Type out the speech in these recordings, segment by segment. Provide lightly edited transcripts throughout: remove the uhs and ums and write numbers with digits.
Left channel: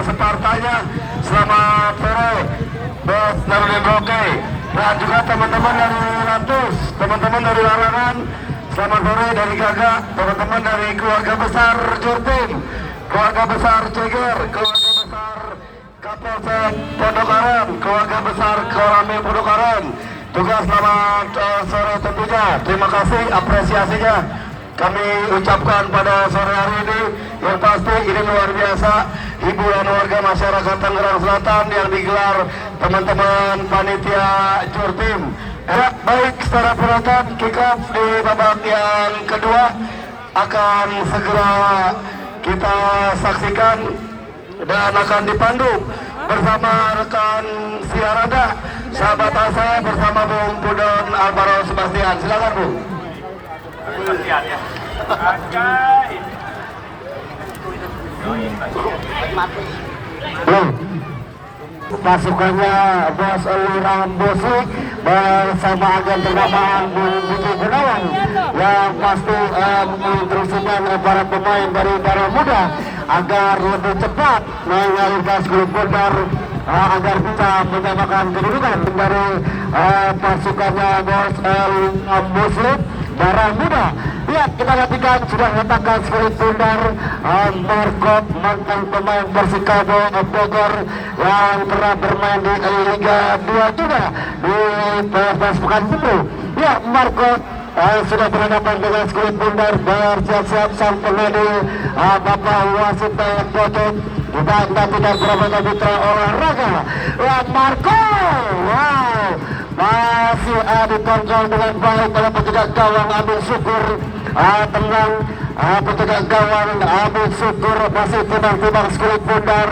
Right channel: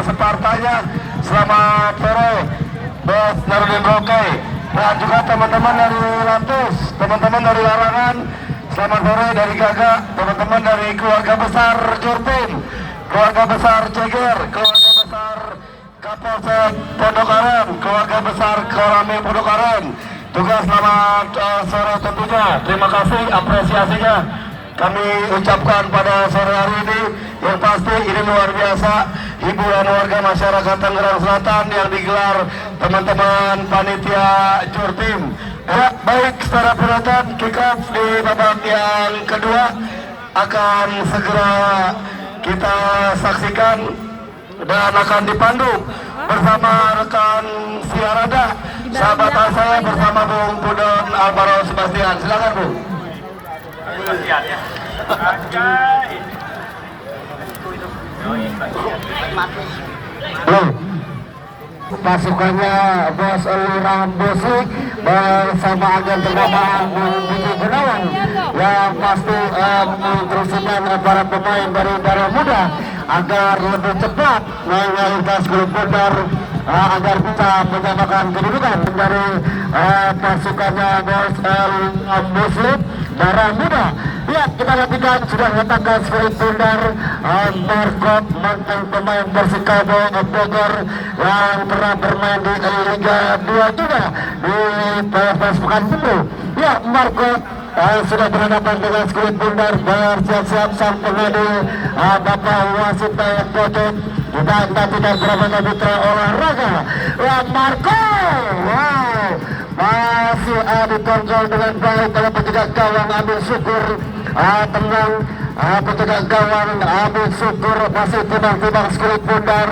separtanya. Selamat sore Bos Darudin Roke dan juga teman-teman dari Lantus, teman-teman dari Larangan. Selamat sore dari Gaga, teman-teman dari keluarga besar Jurpin, keluarga besar Ceger, keluarga besar Kapolsek Pondokaren, keluarga besar Korami Pondokaren. Juga selamat sore tentunya. Terima kasih apresiasinya kami ucapkan pada sore hari ini. Yang pasti ini luar biasa hiburan warga masyarakat Tangerang Selatan yang digelar teman-teman panitia Jurtim. Ya, baik, secara penonton kick off di babak yang kedua akan segera kita saksikan dan akan dipandu bersama rekan Siarada, sahabat saya bersama Bung Pudon Alvaro Sebastian. Silakan Bu. Pasukannya Bos Eliram Bosik bersama agen pertamaan Budi Gunawan yang pasti menginstruksikan para pemain dari Darah Muda agar lebih cepat melalui grup Bundar agar bisa menyamakan kedudukan dari pasukannya Bos Eliram Bosik Darah Muda. Ya, kita nantikan sudah letakkan spirit Bundar Margot, mantan pemain Persikabo Bogor yang pernah bermain di Liga 2 juga di PSS Pekanbaru. Ya, Margot sudah berhadapan dengan spirit Bundar, bersiap-siap sang pengadu Bapak Wasit Pocok. Kita nantikan Pramana Putra Olahraga. Ya, Margot, wow, masih dikontrol dengan baik oleh petugas gawang Abdul Syukur. Tenang, petugas gawang Abdul Syukur masih timbang-timbang skulit Bundar.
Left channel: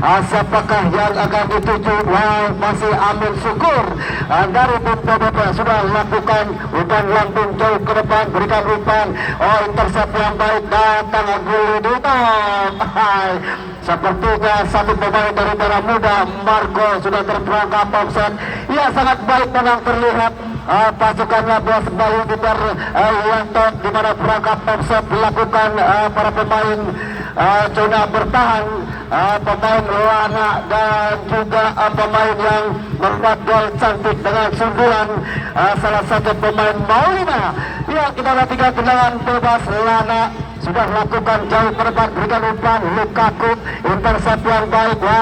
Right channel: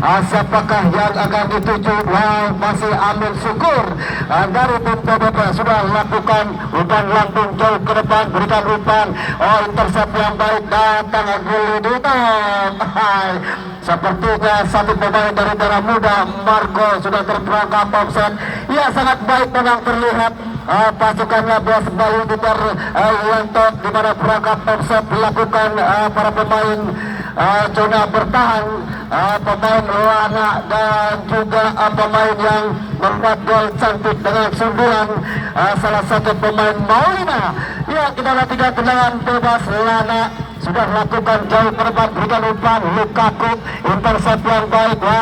Siapakah yang akan dituju? Masih Amin Syukur dari tim PDP sudah lakukan umpan langsung jauh ke depan, berikan umpan intercept yang baik, datang Gulu Dutan. Sepertinya satu pemain dari Darah Muda Marco sudah terperangkap offset. Ya, sangat baik memang terlihat pasukannya Bos Bayu Gitar Yanto di mana perangkap offset dilakukan para pemain coba bertahan, pemain Luana dan juga pemain yang membuat gol cantik dengan sundulan salah satu pemain Maulina. Ya, kita nantikan tendangan bebas. Lana sudah lakukan jauh ke depan, berikan umpan Lukaku, intercept yang baik. Ya,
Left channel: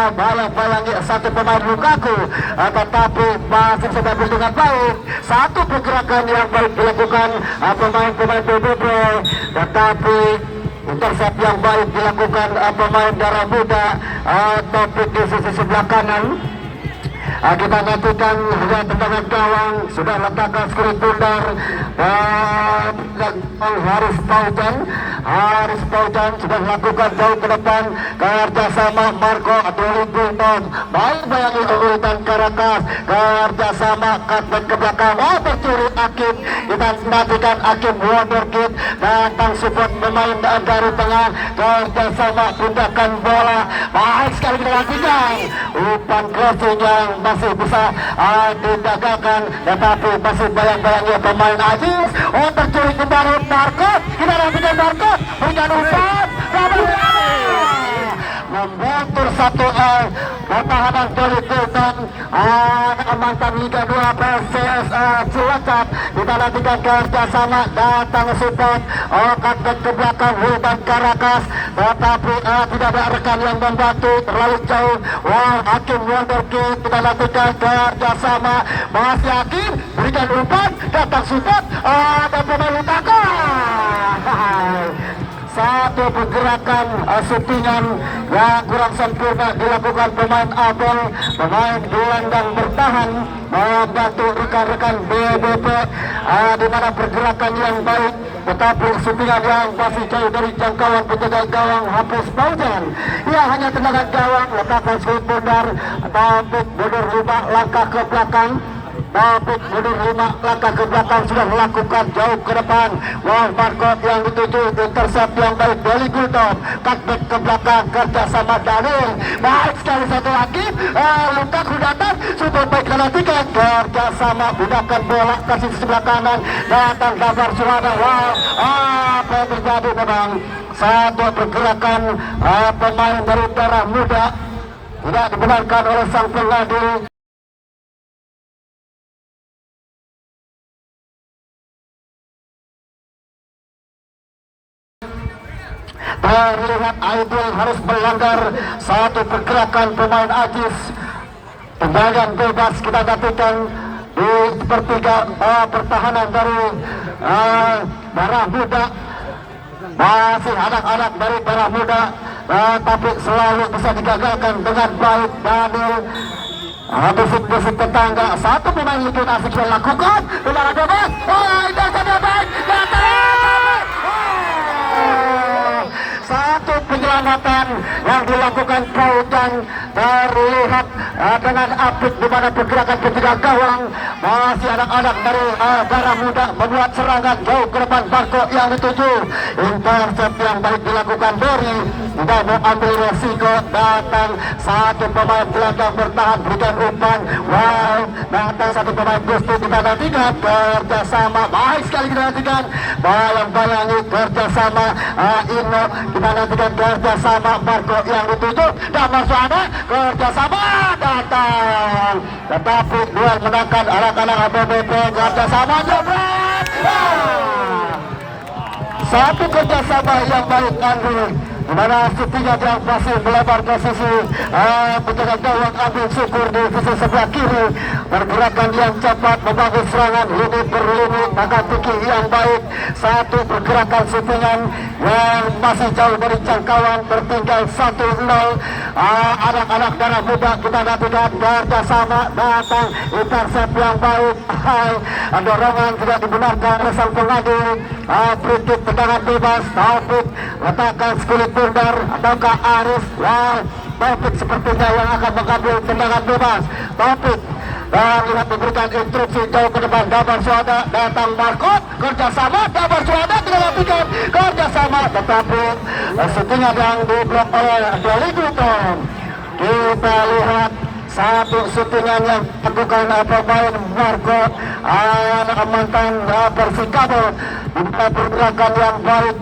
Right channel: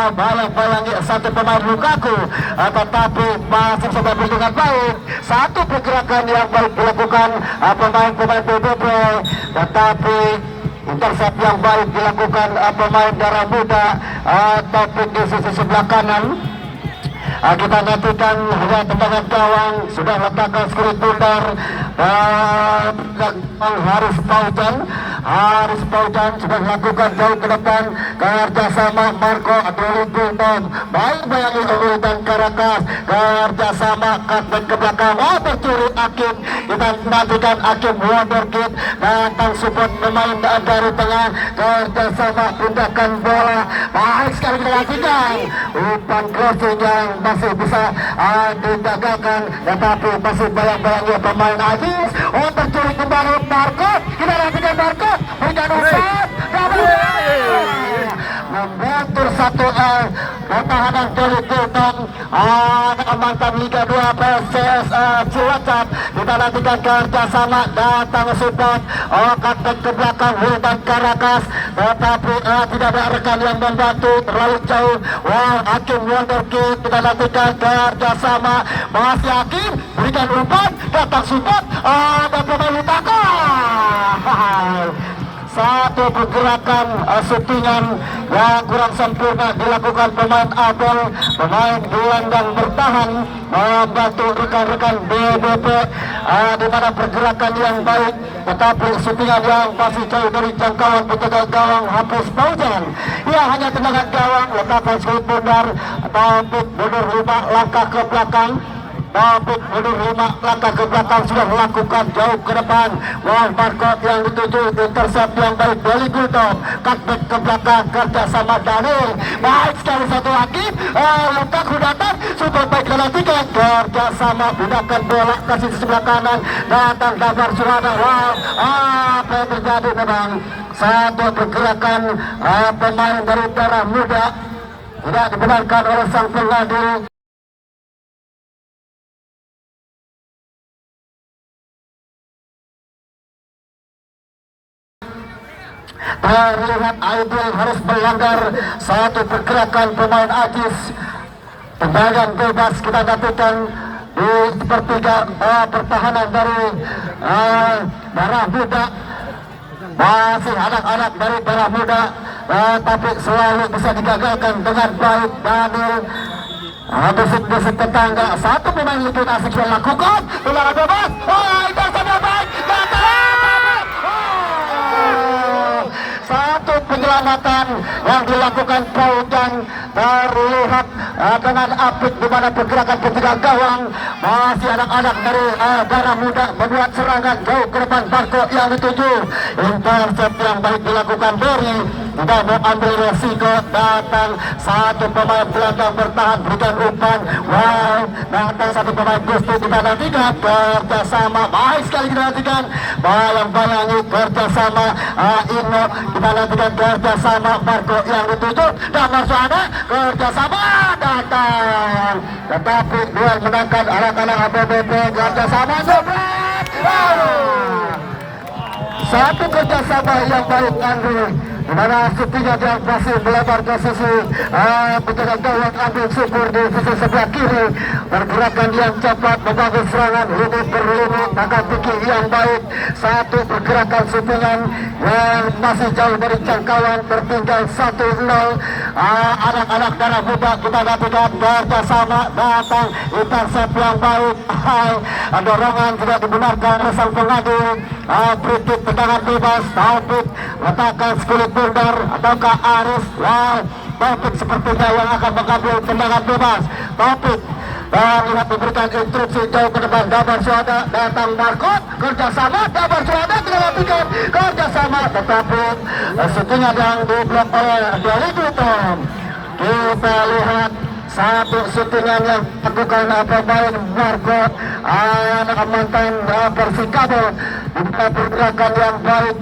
bayangi satu pemain Lukaku, tetapi masih coba dengan baik. Satu pergerakan yang baik dilakukan pemain-pemain PBB, tetapi intercept yang baik dilakukan pemain Darah Muda, tapi di sisi sebelah kanan. Kita nantikan ya, tendangan gawang sudah letakkan skurit Bundar dan Haris Paujan. Haris Paujan sudah lakukan jauh ke depan kerjasama Marco Adolibunton. Baik bayangi urutan Karakas, kerjasama cutback ke belakang, tercuri Akim. Kita nantikan Akim Wonderkid datang support pemain dari tengah, kerjasama pindakan bola. Baik sekali dilakukan umpan crossing yang masih bisa digagalkan, tetapi masih bayang-bayangnya pemain Aziz. Tercuri kembali Marco, kita lakukan Marco berikan umpan, membentur 1-0 pertahanan dari Sultan mantan Liga 2 PSS Cilacap. Kita nantikan kerjasama datang support cutback ke belakang Wildan Karakas, tetapi tidak ada rekan yang membantu terlalu jauh. Hakim Wonderkid, kita lakukan kerjasama masih Hakim, berikan umpan, datang support dan pemain Lukaku. Satu pergerakan settingan yang kurang sempurna dilakukan pemain Abel, pemain gelandang bertahan membantu rekan-rekan BBP di mana pergerakan yang baik, tetapi settingan yang masih jauh dari jangkauan petugas gawang Hafiz Paujan. Ya, hanya tendangan gawang, letakkan skulit Bundar, tapi berubah langkah ke belakang. tapi mundur 5 langkah ke belakang sudah melakukan jauh ke depan. Barcode yang dituju intercept yang baik dari Gultom, cutback ke belakang kerjasama Daniel, baik sekali satu lagi Lukas datang sudah baik perhatikan kerjasama gunakan bola kasih sebelah kanan datang gambar suara. Apa yang terjadi memang satu pergerakan pemain dari Darah Muda tidak dibenarkan oleh sang pengadu. Terlihat Aidil harus melanggar satu pergerakan pemain Ajis. Tendangan bebas kita dapatkan di sepertiga pertahanan dari Darah Muda. Masih anak-anak dari Darah Muda, tapi selalu bisa digagalkan dengan baik. Daniel besik-besik tetangga, satu pemain lebih asik dilakukan. Tendangan bebas, itu saja baik. Satu penyelamatan yang dilakukan Paudan terlihat dengan apik di mana pergerakan ketiga gawang. Masih anak-anak dari Darah Muda membuat serangan jauh ke depan. Barcode yang dituju, intercept yang baik dilakukan dari tidak mengambil resiko. Datang satu pemain belakang bertahan berikan umpan. Datang satu pemain justru kita nantikan kerjasama baik sekali kita nantikan. Bayang-bayangi kerjasama Ino kita nantikan kerjasama Barcode yang dituju dan masih ada kerjasama datang, tetapi duel menangkan anak-anak ABBP kerjasama jebret. Satu kerjasama yang baik Andrew, di mana setinya yang masih melebar ke sisi penjaga gawang ambil syukur di sisi sebelah kiri. Pergerakan yang cepat membangun serangan lini per lini, maka tinggi yang baik. Satu pergerakan syutingan yang masih jauh dari jangkauan, tertinggal 1-0. Anak-anak Darah Muda kita dapatkan kerjasama datang intercept yang baik. Dorongan tidak dibenarkan oleh sang pengadu. Kritik tendangan bebas, Taufik letakkan skulit bundar ataukah Aris. Taufik sepertinya yang akan mengambil tendangan bebas. Taufik dan lihat diberikan instruksi jauh ke depan. Gambar suada datang Barcode kerjasama. Gambar suada tidak lakukan kerjasama, tetapi setengah yang diblok oleh Jerry Gultom. Kita lihat satu syutingan yang lakukan pemain Barcode anak mantan Persikabo. Pergerakan yang baik.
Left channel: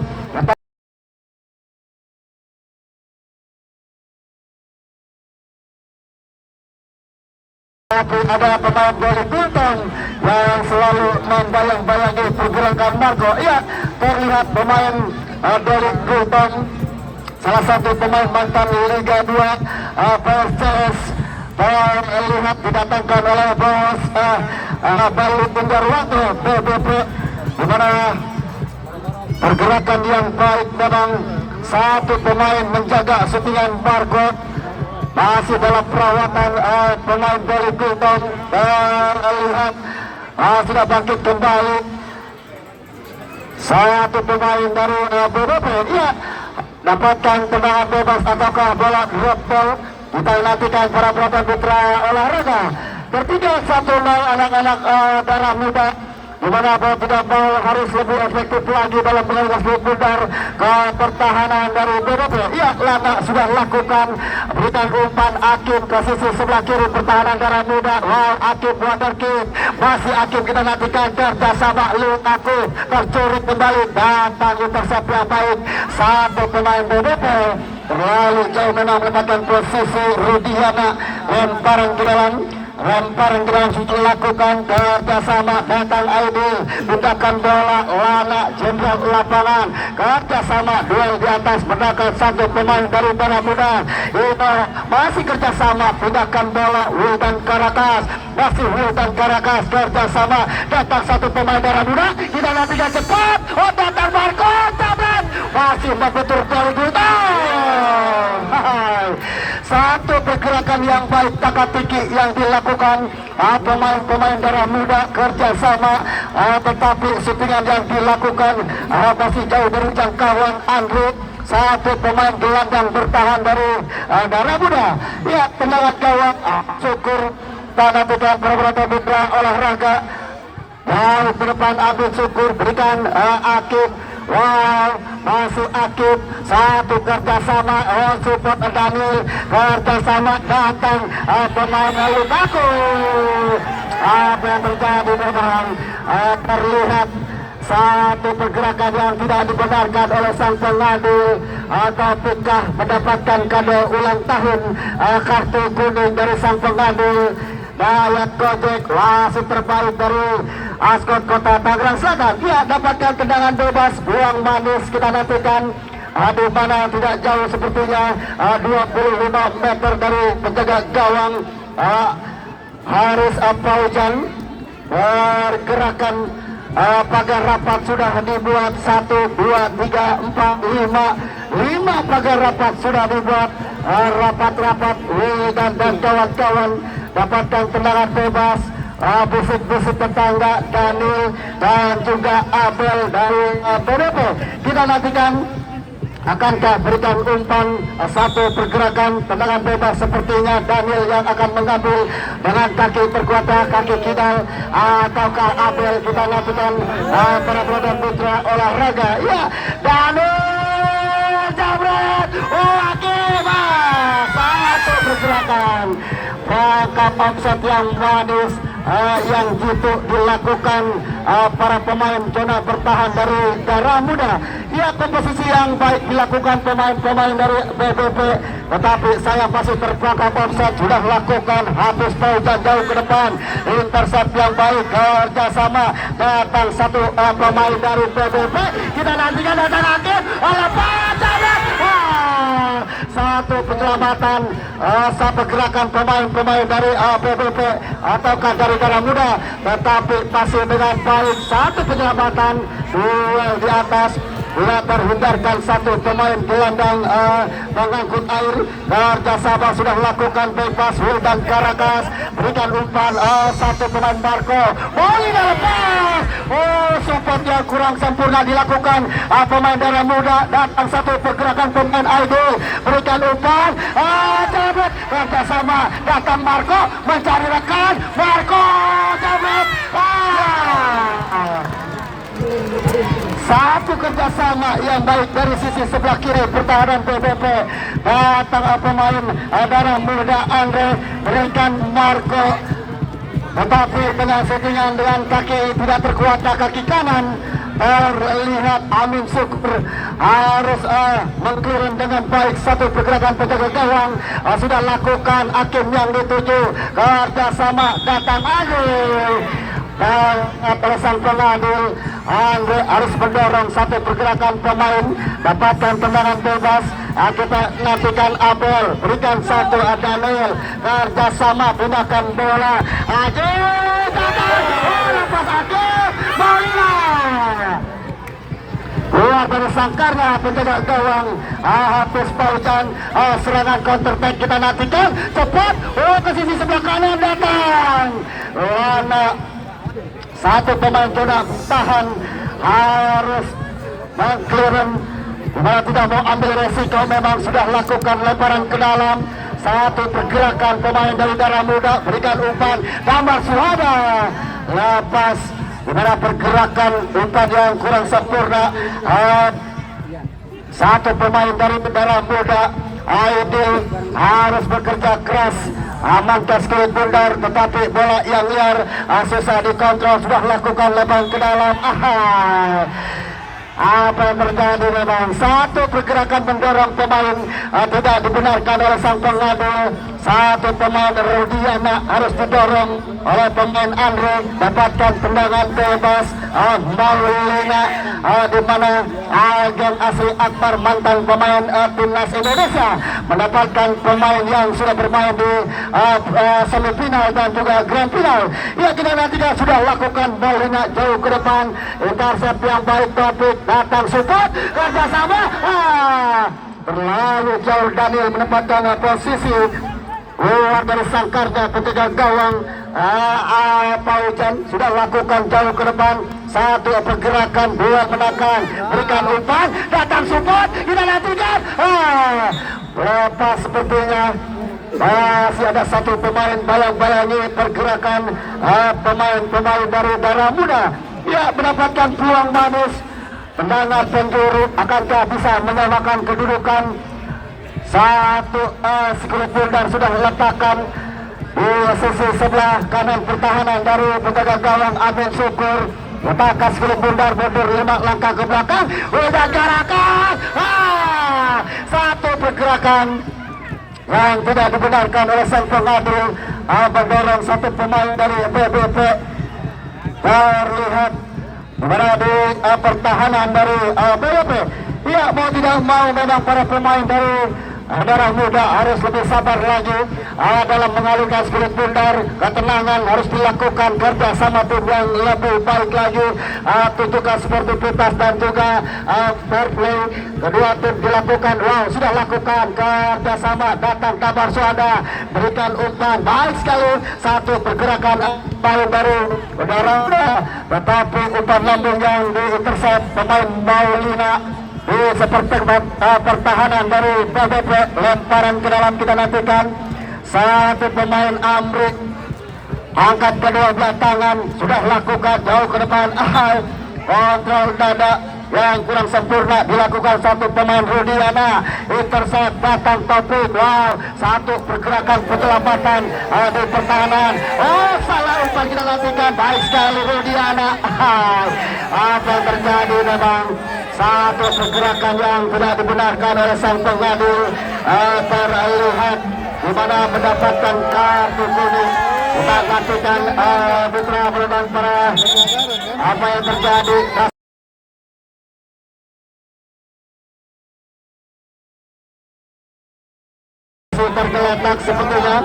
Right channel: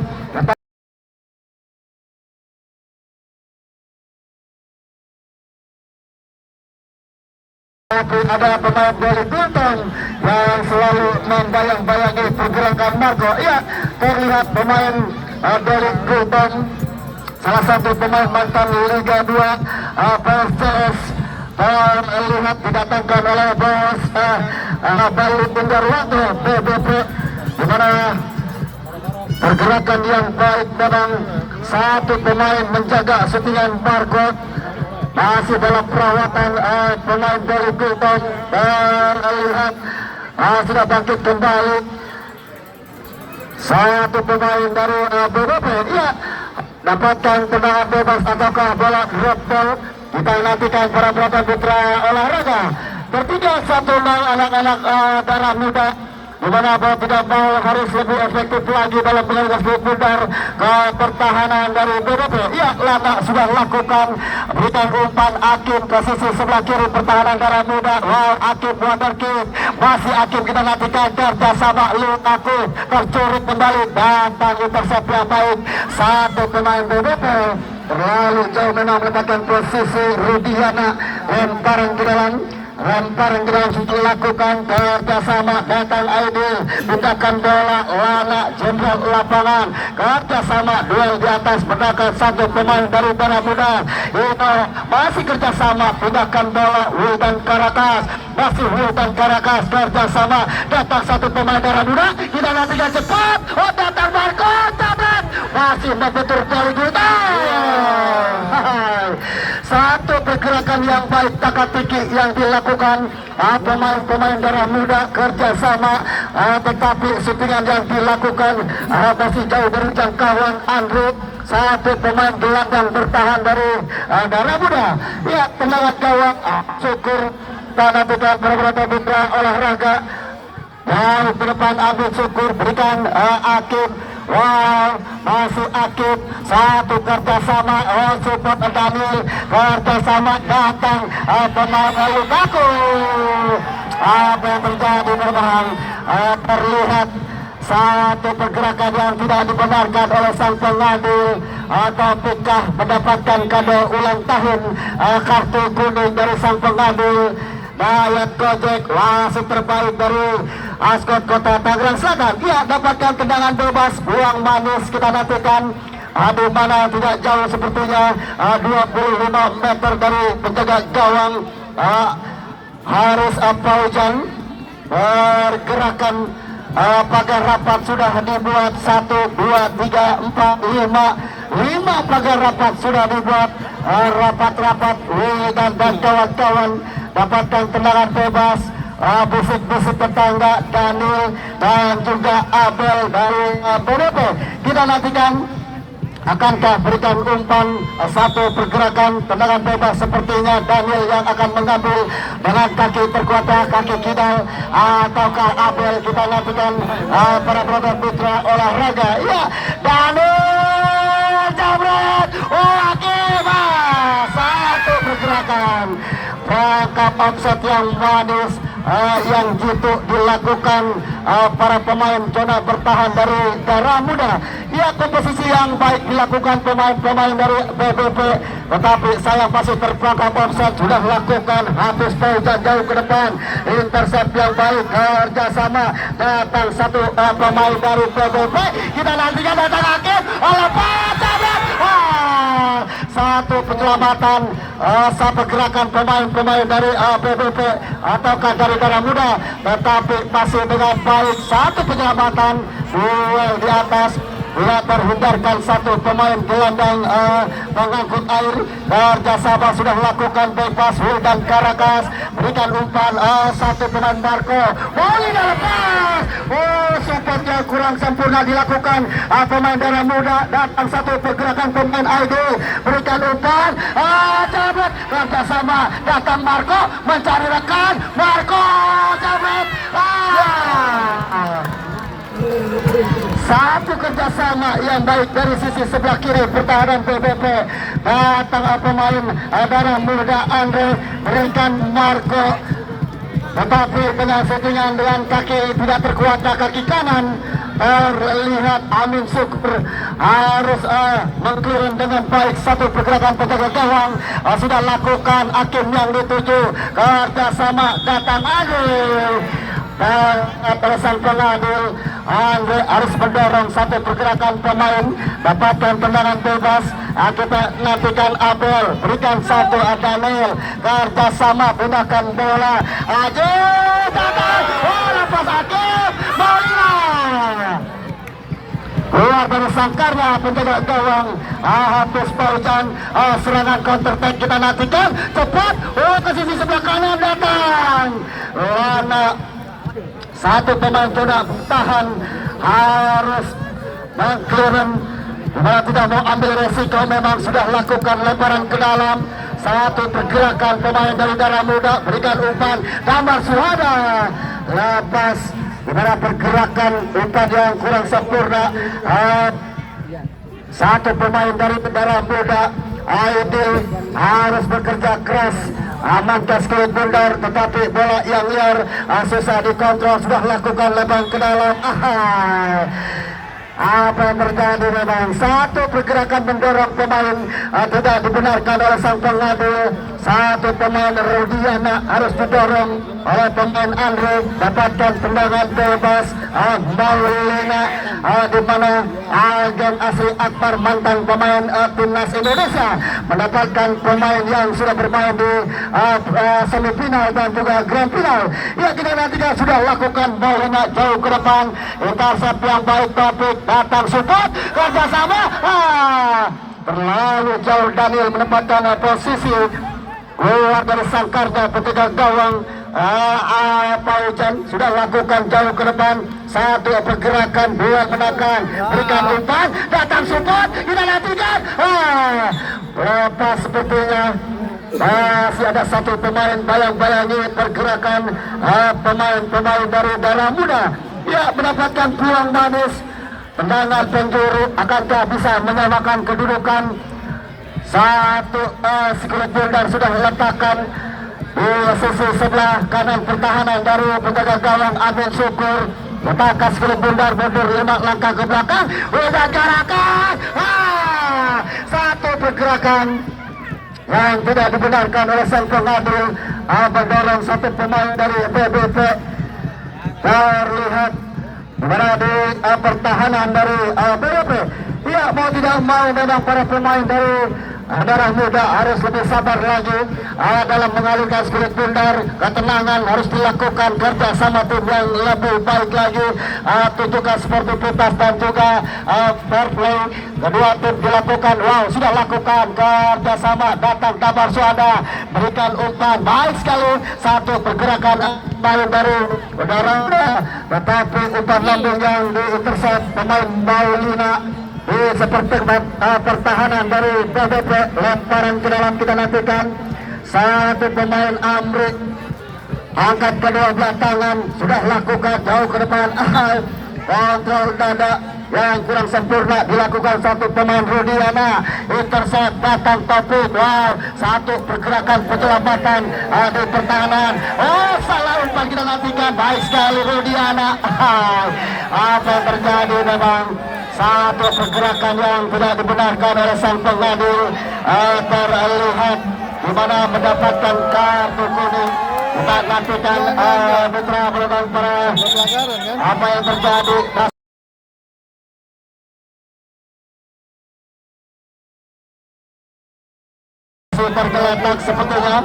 Tapi ada pemain dari Gultom yang selalu membayang-bayangi pergerakan Marco. Iya, terlihat pemain dari Gultom, salah satu pemain mantan Liga 2 PSCS, dan lihat didatangkan oleh bos Bali Tenggarwanto PBP, di mana pergerakan yang baik memang satu pemain menjaga syutingan Barcode. Masih dalam perawatan pemain dari Gultom, terlihat sudah bangkit kembali satu pemain dari BBP. Iya, dapatkan tendangan bebas ataukah bola drop ball. Kita nantikan para penonton putra olahraga. Tertinggal 1-0 anak-anak Darah Muda, di mana tidak mau harus lebih efektif lagi dalam mengeluarkan skulit bundar ke pertahanan dari BBP. Iya, Lana sudah lakukan berikan umpan Akib ke sisi sebelah kiri pertahanan Darah Muda. Akib water kick, masih Akib kita nantikan kerjasama Lukaku tercurit kembali, datang intercept yang baik. Satu pemain BBP terlalu jauh memang mendapatkan posisi Rudiana, lemparan ke dalam. Lemparan gerak lakukan kerjasama datang Aidil, bukakan bola Lana jenderal lapangan kerjasama duel di atas mendakan satu pemain dari Darah Muda. Itu masih kerjasama pindahkan bola Wildan Karakas, masih Wildan Karakas kerjasama datang satu pemain Darah Muda. Kita nantikan cepat, datang Barcode masih membentur dari Gultom. Satu pergerakan yang baik teka-teki yang dilakukan pemain-pemain Darah Muda kerjasama, tetapi syutingan yang dilakukan masih jauh dari jangkauan Andre. Satu pemain gelandang bertahan dari Darah Muda. Lihat tendangan gawang, syukur kita nantikan beberapa mitra olahraga. Wow, ke depan Abid Syukur berikan Akib. Wow, masuk Akib. Satu kerjasama support Daniel. Kerjasama datang pemain Lukaku. Apa yang terjadi memang terlihat satu pergerakan yang tidak dibenarkan oleh sang pengadil. Ataukah mendapatkan kado ulang tahun kartu kuning dari sang pengadil. Dayat Gojek wasit terbaik dari Askot Kota Tangerang Selatan. Dia dapatkan tendangan bebas buang manis. Kita nantikan di mana tidak jauh sepertinya 25 meter dari penjaga gawang Haris Apaujan. Pergerakan pagar rapat sudah dibuat 1, 2, 3, 4, 5 pagar rapat sudah dibuat. Rapat-rapat dan kawan-kawan dapatkan tendangan bebas. Bisik-bisik tetangga Daniel dan juga Abel dari BDP. Kita nantikan akankah berikan umpan satu pergerakan tendangan bebas. Sepertinya Daniel yang akan mengambil dengan kaki terkuatnya, kaki kidal, ataukah Abel. Kita nantikan para brother mitra olahraga. Ya, Daniel jabret. Satu pergerakan rangkap offset yang manis yang jitu dilakukan para pemain zona bertahan dari Darah Muda. Ya, komposisi yang baik dilakukan pemain-pemain dari BBP, tetapi saya masih terpaksa offset sudah lakukan. Habis Paujan jauh ke depan, intercept yang baik, kerjasama datang satu pemain dari BBP. Kita nantikan datang Akib, satu penyelamatan, satu gerakan pemain-pemain dari BBP ataukah dari Darah Muda, tetapi masih dengan baik. Satu penyelamatan, dua di atas, tidak terhindarkan satu pemain gelandang mengangkut air. Kerjasama sudah lakukan bebas. Wildan Karakas berikan umpan, satu pemain Marco, bola lepas. Support yang kurang sempurna dilakukan pemain Darah Muda. Datang satu pergerakan pemain Aido, berikan umpan, cabut. Kerjasama datang Marco mencari rekan, Marco cabut. Satu kerjasama yang baik dari sisi sebelah kiri pertahanan PBP. Datang pemain Darah Muda Andre berikan Marco, tetapi dengan settingan dengan kaki tidak terkuat kaki kanan. Terlihat Amin Syukur harus mengirim dengan baik satu pergerakan penjaga gawang. Sudah lakukan Hakim yang dituju. Kerjasama datang Andre. Dan sang pengadil Andre harus mendorong satu pergerakan pemain, dapatkan tendangan bebas. Kita nantikan Abel berikan satu Daniel, kerjasama gunakan bola. Lepas Akib, bola keluar dari sangkarnya penjaga gawang Hafiz Paujan. Serangan counter attack kita nantikan cepat ke sisi sebelah kanan datang. Satu pemain zona tahan harus mengklaim, tidak mau ambil resiko. Memang sudah lakukan lebaran ke dalam. Satu pergerakan pemain dari Darah Muda berikan umpan, Damar Suhada lepas. Dimana pergerakan umpan yang kurang sempurna. Satu pemain dari Darah Muda Aidil harus bekerja keras, amankan sekali bundar, tetapi bola yang liar susah dikontrol. Sudah lakukan lebaran ke dalam. Apa yang terjadi memang satu pergerakan mendorong pemain tidak dibenarkan oleh sang pengadu. Satu pemain Rudiana harus didorong oleh pemain Andre, dapatkan tendangan bebas. Maulina di mana agen asli Akbar mantan pemain timnas Indonesia mendapatkan pemain yang sudah bermain di semifinal dan juga grand final. Ya, kita nanti sudah lakukan Maulina jauh ke depan, intercept yang baik, topik datang support kerjasama. Terlalu jauh Daniel menempatkan posisi keluar dari sangkarnya penjaga gawang. Paujan sudah lakukan jauh ke depan, satu pergerakan, dua menekan, berikan umpan, datang support, tidak lakukan. Lepas sepertinya Masih ada satu pemain bayang-bayangi pergerakan pemain-pemain dari Darah Muda. Ya, mendapatkan peluang manis. Tendangan penjuru, akankah bisa menyamakan kedudukan? Satu skill dan sudah letakkan di sisi sebelah kanan pertahanan dari penjaga gawang Agung Syukur. Letakkan skill bundar mundur 5 langkah ke belakang. Udah gerakan. Satu pergerakan yang tidak dibenarkan oleh sang pengadil. Mendorong satu pemain dari BBP. Terlihat dimana di pertahanan dari BBP. Ya, mau tidak mau memang para pemain dari Darah Muda harus lebih sabar lagi dalam mengalihkan spirit bundar. Ketenangan harus dilakukan, kerja sama tim yang lebih baik lagi, tunjukkan sportivitas dan juga fair play. Kedua tim dilakukan, sudah lakukan kerja sama, datang kabar suada, berikan umpan, baik sekali. Satu pergerakan main dari Darah Muda, tetapi umpan lambung yang diintercept pemain Maulina. Seperti pertahanan dari BBP, lemparan ke dalam kita nantikan. Satu pemain Amrik angkat kedua belah tangan, sudah lakukan jauh ke depan. Kontrol dada yang kurang sempurna dilakukan satu pemain Rudiana. Intercept datang tapi satu pergerakan penyelamatan di pertahanan. Salah umpan kita nantikan, baik sekali Rudiana. Apa yang terjadi memang satu pergerakan yang tidak dibenarkan oleh sang pengadil. Terlihat di mana mendapatkan kartu kuning. Kita nantikan putra dan para apa yang terjadi. Tergeletak sepertinya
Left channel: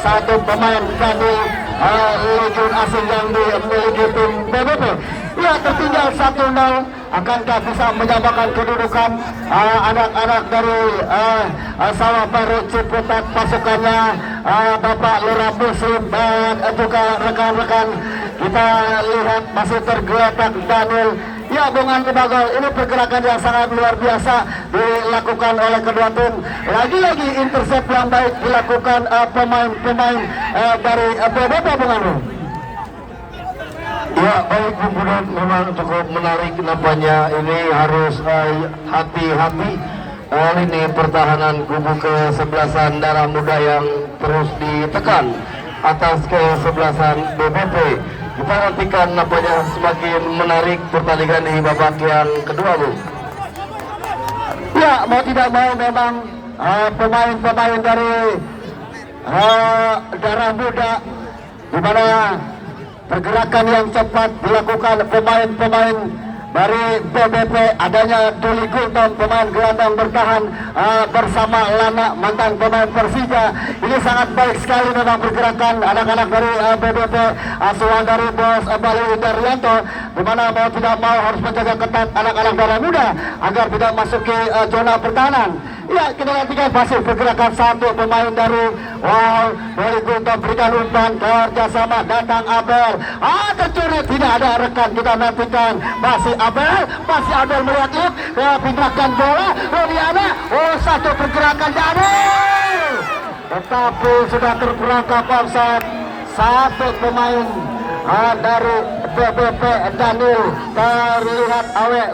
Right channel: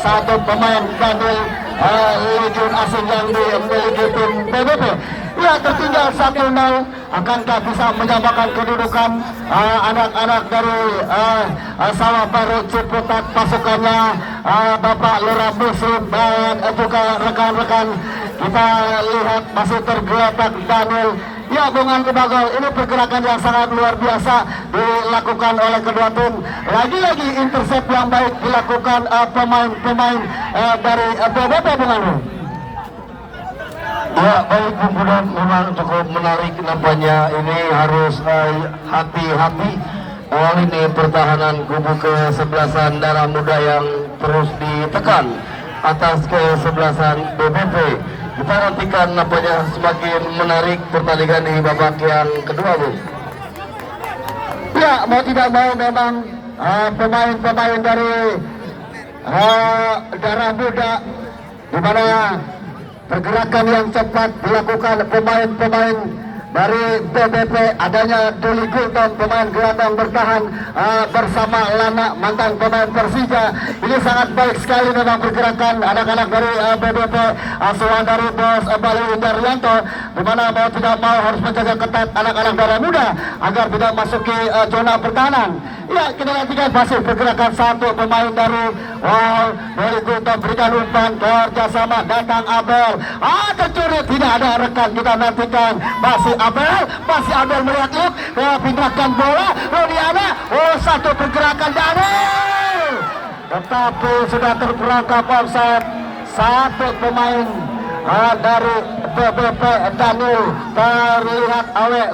satu pemain kadil legion asing yang dimiliki tim BBP. Ya, tertinggal 1-0. Akankah bisa menyamakan kedudukan anak-anak dari Sawah Baru Ciputat, pasukannya Bapak Lurah Muslim dan juga rekan-rekan. Kita lihat masih tergeletak Daniel. Ya, Bungan Kebagal, ini pergerakan yang sangat luar biasa dilakukan oleh kedua tim. Lagi-lagi intercept yang baik dilakukan pemain-pemain dari BBP, Bungan. Ya, baik, kemudian memang cukup menarik nampaknya. Ini harus hati-hati. Ini pertahanan kubu kesebelasan Darah Muda yang terus ditekan atas kesebelasan BBP. Kita nantikan nampaknya semakin menarik pertandingan di babak yang kedua, Bu. Ya, mau tidak mau memang pemain-pemain dari Darah Muda, di mana pergerakan yang cepat dilakukan pemain-pemain dari BBP, adanya Duli Gultom, pemain gelandang bertahan bersama Lana, mantan pemain Persija. Ini sangat baik sekali memang pergerakan anak-anak dari BBP, asuhan dari Bos Bali Daryanto, di mana mau tidak mau harus menjaga ketat anak-anak Darah Muda agar tidak masuki zona pertahanan. Ya, kita nantikan hasil pergerakan satu pemain dari Duli Gultom, berikan umpan kerjasama, datang Abel. Tercuri, tidak ada rekan, kita nantikan masih Abel melihat pindahkan bola Rodiana. Satu pergerakan baru, tetapi sudah terperangkap offside. Satu pemain dari BBP Daniel, terlihat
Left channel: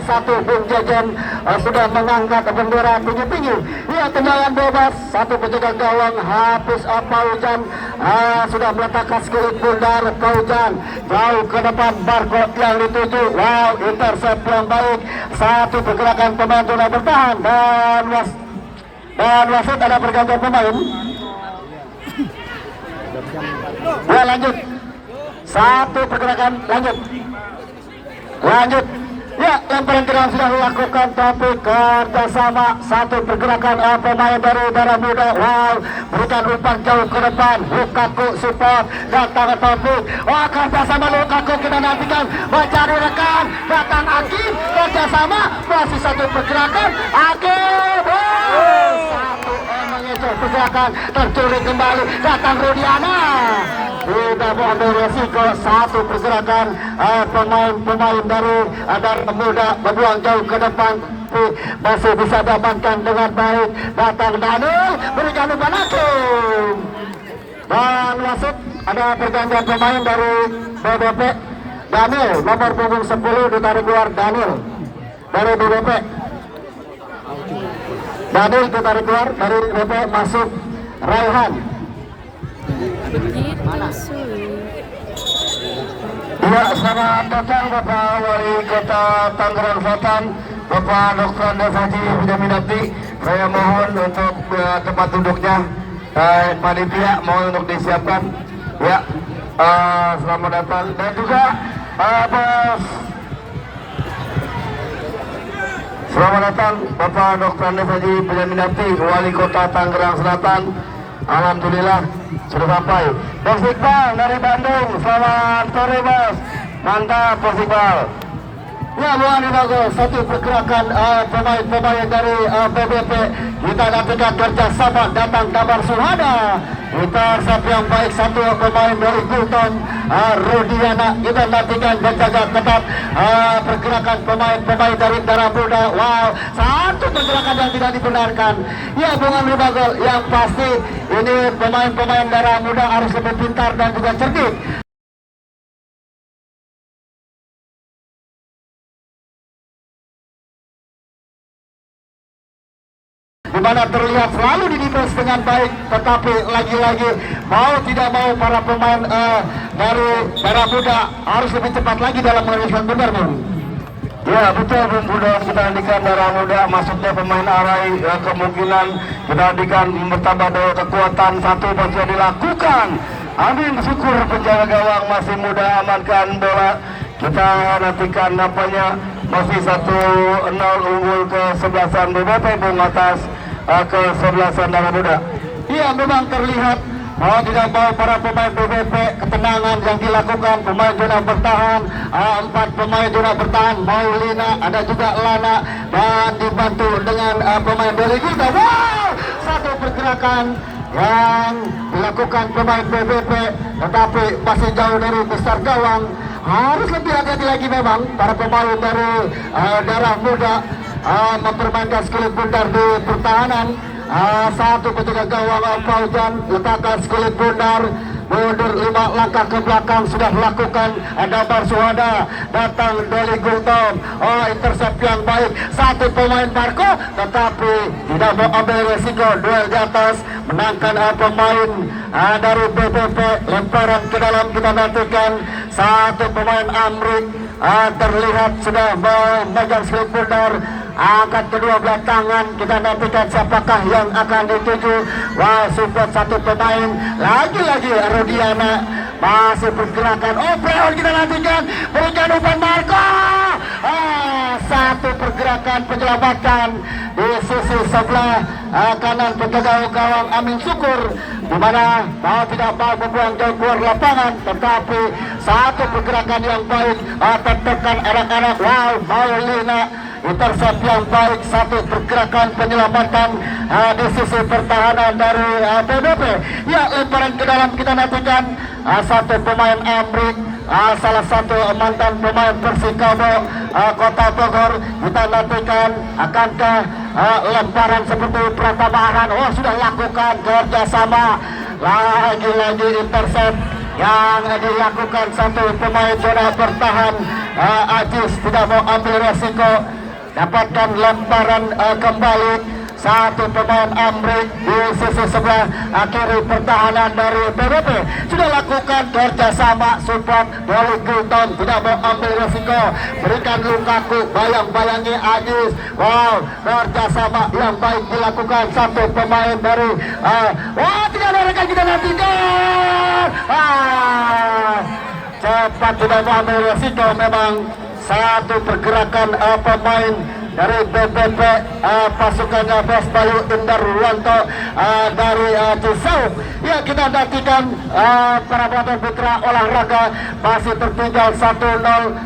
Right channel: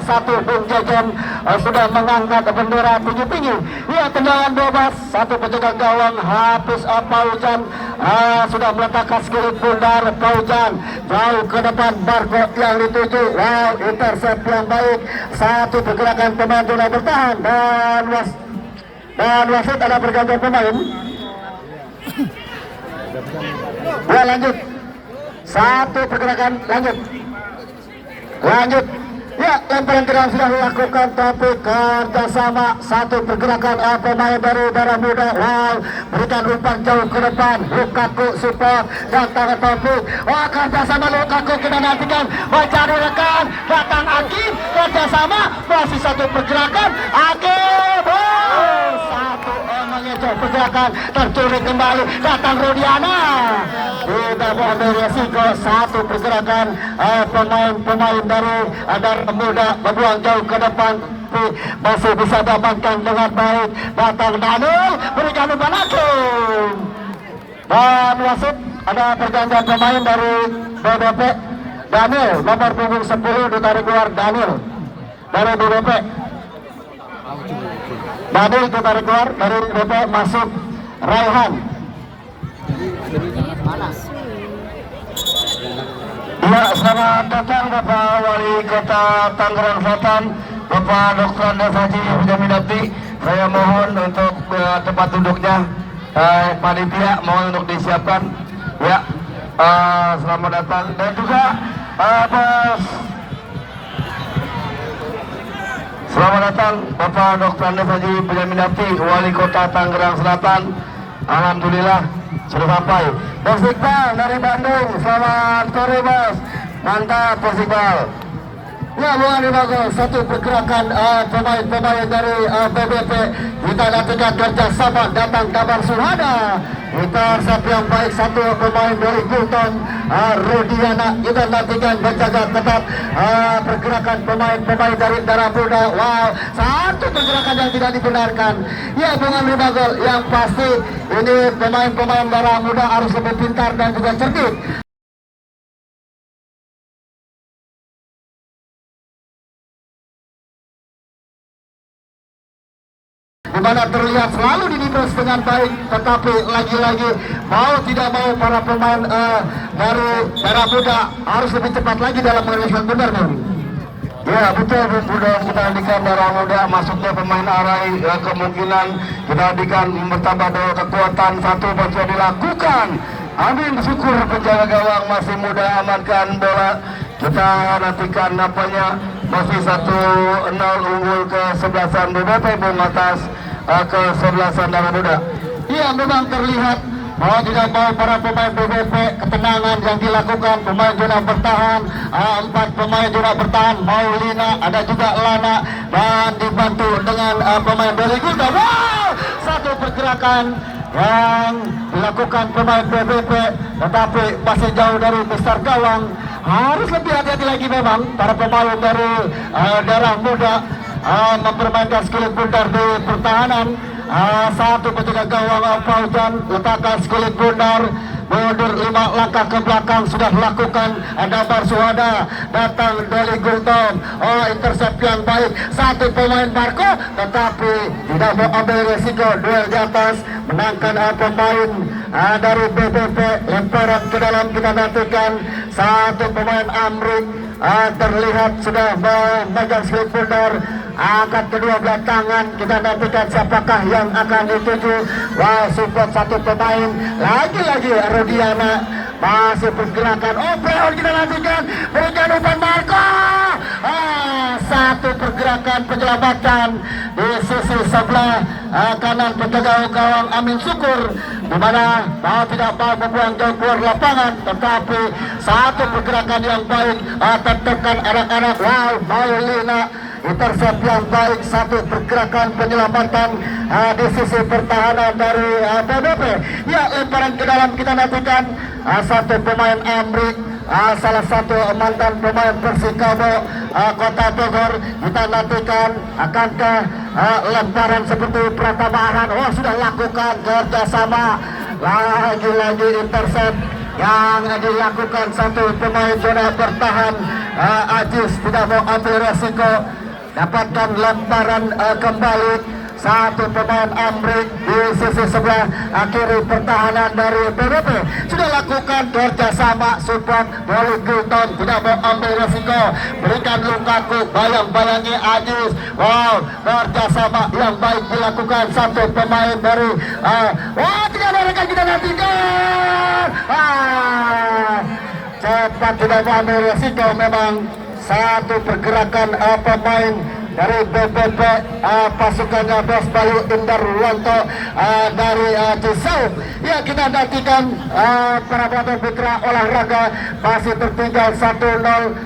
satu Bung Jajan sudah mengangkat bendera tinggi-tinggi. Ia tendangan bebas, satu penjaga gawang Hafiz Paujan sudah meletakkan skill bundar. Paujan jauh ke depan, barcode yang dituju. Intercept yang baik, satu pergerakan pemain zona bertahan dan wasit ada pergantian pemain. Lanjut. Satu pergerakan, lanjut. Ya, lemparan ke dalam sudah dilakukan, tapi kerjasama satu pergerakan pemain dari Darah Muda. Berikan umpan jauh ke depan, Lukaku support, datang Taufik. Kerjasama Lukaku, kita nantikan mencari rekan, datang Akim, kerjasama, masih satu pergerakan, Akim. Satu pergerakan, tercuri kembali, datang Rudiana. Tidak ada resiko, satu pergerakan pemain-pemain dari Darah Muda berbuang jauh ke depan. tetapi masih bisa diamankan dengan baik. Datang Daniel, berikan umpan langsung. Dan wasit ada pergantian pemain dari BBP. Daniel nomor punggung 10 ditarik keluar. Daniel dari BBP. Daniel ditarik keluar dari BBP, masuk Raihan. Ya, selamat datang Bapak Wali Kota Tangerang Selatan, Bapak Dr. Andes Haji Wijaminati. Saya mohon untuk tempat duduknya, panitia mohon untuk disiapkan. Ya, selamat datang dan juga selamat datang Bapak Dr. Andes Haji Wijaminati, Wali Kota Tangerang Selatan. Alhamdulillah sudah sampai. Persikbal dari Bandung, selamat sore Mas. Mantap Persikbal. Ya, luar biasa, satu pergerakan pemain-pemain dari BBP. Kita nantikan kerjasama, datang kabar Suhada. Intercept yang baik, satu pemain dari Gulton, Rudiana. Kita nantikan berjaga ketat pergerakan pemain-pemain dari Darah Muda. Wow, satu pergerakan yang tidak dibenarkan. Ya, Bung Ribagol, yang pasti ini pemain-pemain Darah Muda harus lebih pintar dan juga cerdik. Di mana terlihat selalu didefense dengan baik, tetapi lagi-lagi mau tidak mau para pemain dari Darah Muda harus lebih cepat lagi dalam mengeluarkan, benar Bung? Ya betul Bung, sudah kita indikan Darah Muda masuknya pemain Arai, kemungkinan kita indikan bertambah daya kekuatan, satu baca dilakukan. Amin, syukur penjaga gawang masih muda amankan bola. Kita nantikan napanya masih 1-0 unggul ke sebelasan BBP Bung atas ke sebelasan Darah Muda. Iya, memang terlihat mau tidak mau para pemain BBP ketenangan yang dilakukan, pemain zona bertahan, 4 pemain zona bertahan, Maulina, ada juga Lana, dan dibantu dengan pemain dari kita. Wow, satu pergerakan yang dilakukan pemain BBP, tetapi masih jauh dari besar gawang. Harus lebih hati-hati lagi memang para pemain dari Darah Muda mempermainkan skill bundar di pertahanan. Satu ketika gawang Fauzan letakkan skill bundar, mundur 5 langkah ke belakang, sudah lakukan Dabar Suhada, datang dari Gulton. Intercept yang baik, satu pemain Marco, tetapi tidak mau ambil resiko, duel di atas, menangkan pemain dari BBP. Lemparan ke dalam, kita nantikan satu pemain Amrik terlihat sudah memegang slip bundar, angkat kedua belah tangan. Kita nantikan siapakah yang akan dituju. Wah, support satu pemain lagi-lagi Rudiana masih pergerakan. Playoff kita nantikan, berikan umpan Marco. Satu pergerakan penyelamatan di sisi sebelah kanan penjaga gawang Amin Syukur, di mana tidak mau membuang jauh keluar lapangan, tetapi satu pergerakan yang baik tetekan anak-anak. Wow, Maulina intercept yang baik, satu pergerakan penyelamatan di sisi pertahanan dari BBP. Ya, lemparan ke dalam, kita nantikan satu pemain Amrik, salah satu mantan pemain Persikabo Kota Bogor. Kita nantikan akankah lemparan seperti Pratama. Sudah lakukan kerjasama, lagi-lagi intercept yang dilakukan satu pemain zona bertahan. Ajis tidak mau ambil resiko, dapatkan lemparan kembali. Satu pemain Amrik di sisi sebelah kiri pertahanan dari BBP sudah lakukan kerjasama, support dari Gulton, tidak mau ambil resiko, berikan Lukaku, bayang-bayangi Ajis. Wow, kerjasama yang baik dilakukan satu pemain dari tidak ada rekan, kita nantikan cepat, tidak mau ambil resiko. Memang satu pergerakan pemain dari BBP, pasukannya Bos Bayu Indar Ruwanto dari Cisau. Ya, kita nantikan para putra olahraga masih tertinggal 1-0.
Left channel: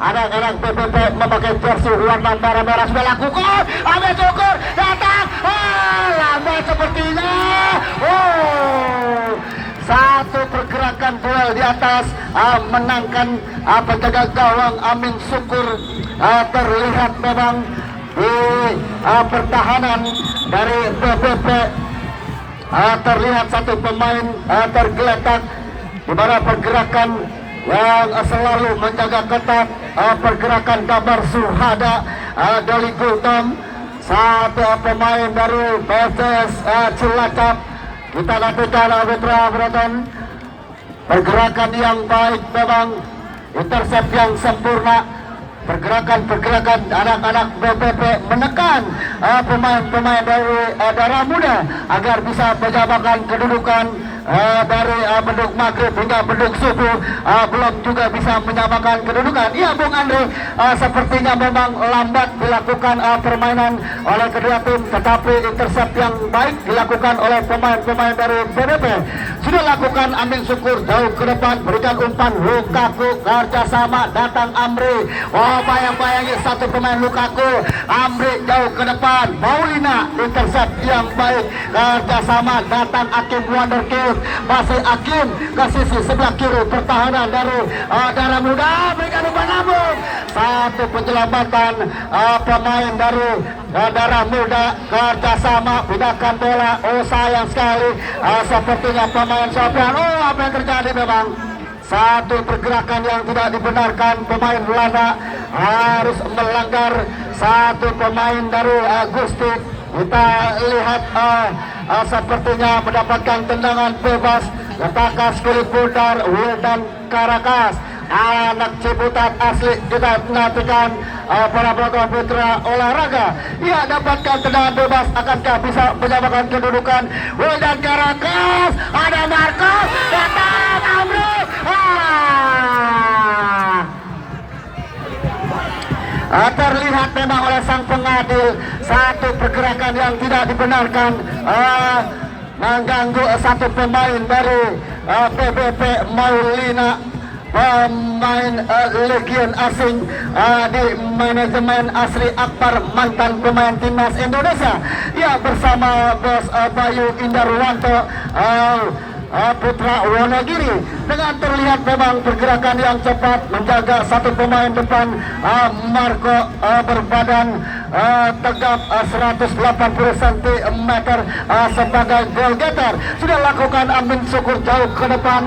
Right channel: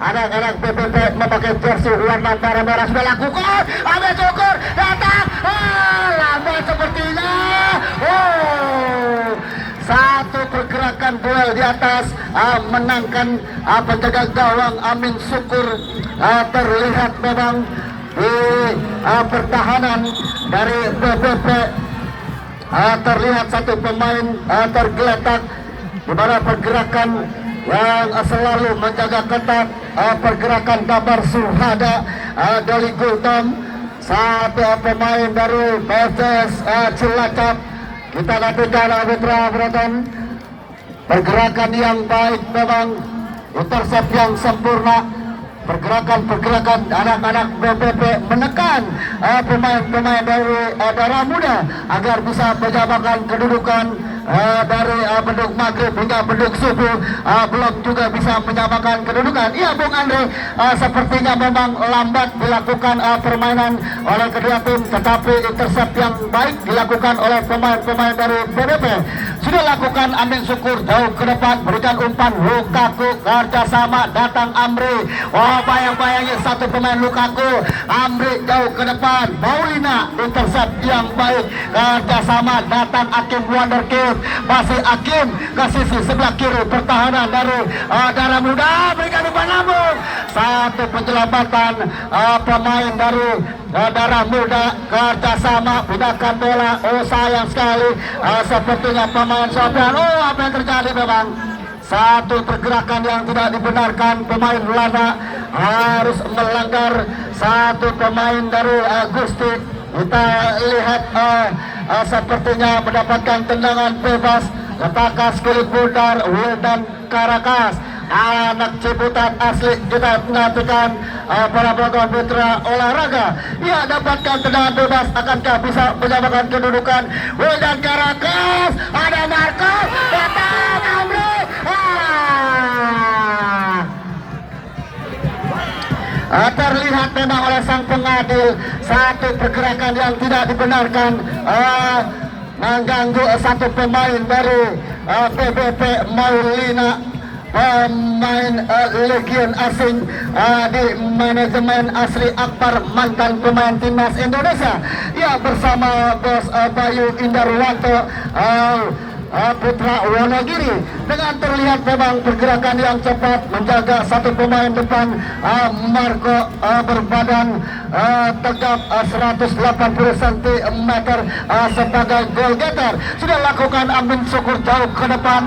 Anak-anak BBP memakai jersey warna merah-merah sudah lakukan. Amin Syukur datang, lambat sepertinya. Satu pergerakan duel di atas, menangkan penjaga gawang Amin Syukur. Terlihat memang di pertahanan dari PPP. Terlihat satu pemain tergeletak di mana pergerakan yang selalu menjaga ketat pergerakan Kabar Surhada dari Gultom. Satu pemain dari PSS Cilacap. Kita lakukan Mitra Broton, pergerakan yang baik memang, intercept yang sempurna, pergerakan anak-anak BPP menekan pemain-pemain dari Darah Muda agar bisa menyamakan kedudukan dari beduk maghrib hingga beduk subuh, belum juga bisa menyamakan kedudukan. Iya Bung Andre, sepertinya memang lambat dilakukan permainan oleh kedua tim, tetapi intercept yang baik dilakukan oleh pemain-pemain dari BPP. Sudah lakukan ambil syukur jauh ke depan, berikan umpan Lukaku kerjasama, datang Amri. Bayang-bayangi satu pemain Lukaku, Amri jauh ke depan, Paulina intercept yang baik, kerjasama, datang Akim Wonderkid. Masih Akim ke sisi sebelah kiri pertahanan dari Darah Muda, berikan umpan lambung, satu penyelamatan pemain dari Darah Muda kerjasama, pindahkan bola. Oh sayang sekali, sepertinya pemain Sofian. Oh apa yang terjadi memang, satu pergerakan yang tidak dibenarkan, pemain Lana harus melanggar satu pemain dari Gusti. Kita lihat sepertinya mendapatkan tendangan bebas. Letakkan sekali putar Wildan Karakas, anak Ciputat asli. Kita nantikan para penonton putra olahraga. Ia dapatkan tendangan bebas, akankah bisa menyamakan kedudukan? Wildan Karakas, ada Marco, datang Amro. Terlihat memang oleh sang pengadil satu pergerakan yang tidak dibenarkan, mengganggu satu pemain baru PBP Maulina, pemain Legion asing di manajemen Asri Akbar, mantan pemain timnas Indonesia. Ya, bersama Bos Bayu Indarwanto Putra Wonogiri, dengan terlihat memang pergerakan yang cepat menjaga satu pemain depan Marco berbadan tegap 180 cm sebagai goal getter. Sudah lakukan ambil syukur jauh ke depan,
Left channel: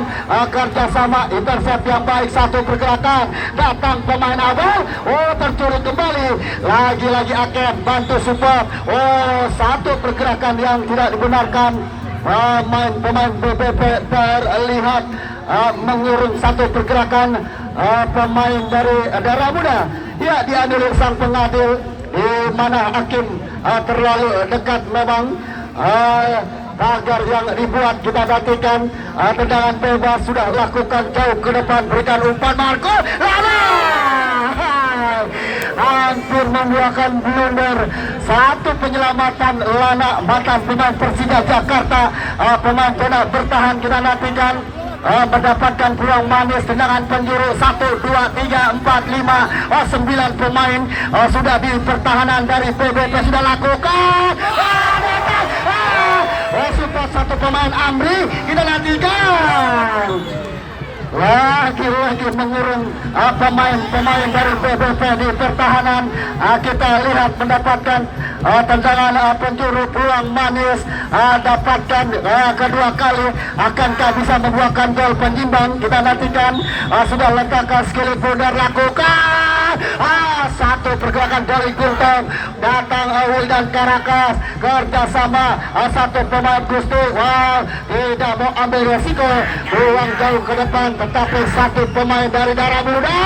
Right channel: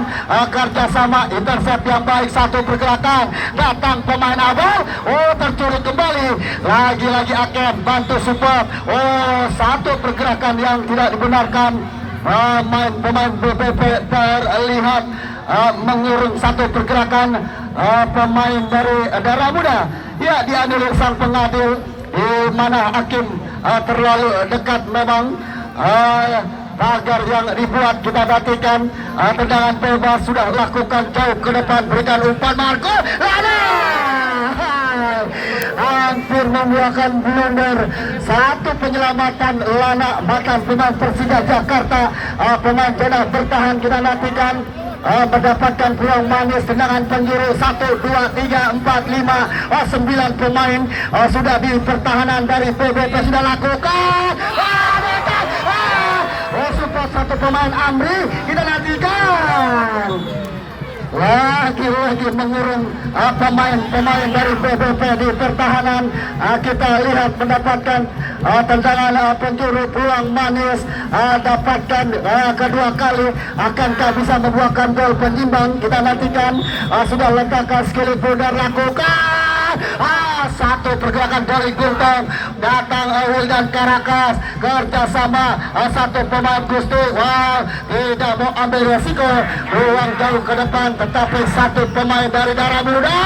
kerjasama, intercept yang baik, satu pergerakan, datang pemain Abel, oh tercuri kembali, lagi-lagi akan bantu support. Oh satu pergerakan yang tidak dibenarkan. Pemain BPP terlihat mengirim satu pergerakan pemain dari Darah Muda. Ya, dianulir sang pengadil, di mana Hakim terlalu dekat memang. Tagar yang dibuat kita perhatikan, tendangan bebas sudah lakukan jauh ke depan, berikan umpan Marco, hampir membuahkan blunder. Satu penyelamatan Lana, mantan pemain Persija Jakarta, pemain zona bertahan. Kita nantikan mendapatkan peluang manis, tendangan penjuru 1, 2, 3, 4, 5, 9 pemain sudah di pertahanan dari PBP sudah lakukan. Support satu pemain Amri, kita nantikan. Lagi-lagi mengurung pemain dari PBP di pertahanan. Kita lihat mendapatkan tendangan penjuru, peluang manis, dapatkan kedua kali, akankah bisa membuahkan gol penyimbang? Kita nantikan. Sudah letakkan skill bundar, lakukan satu pergerakan dari Gultom, datang Wildan Karakas kerjasama satu pemain Gusti. Wow, tidak mau ambil resiko, peluang jauh ke depan, tetapi satu pemain dari Darah Muda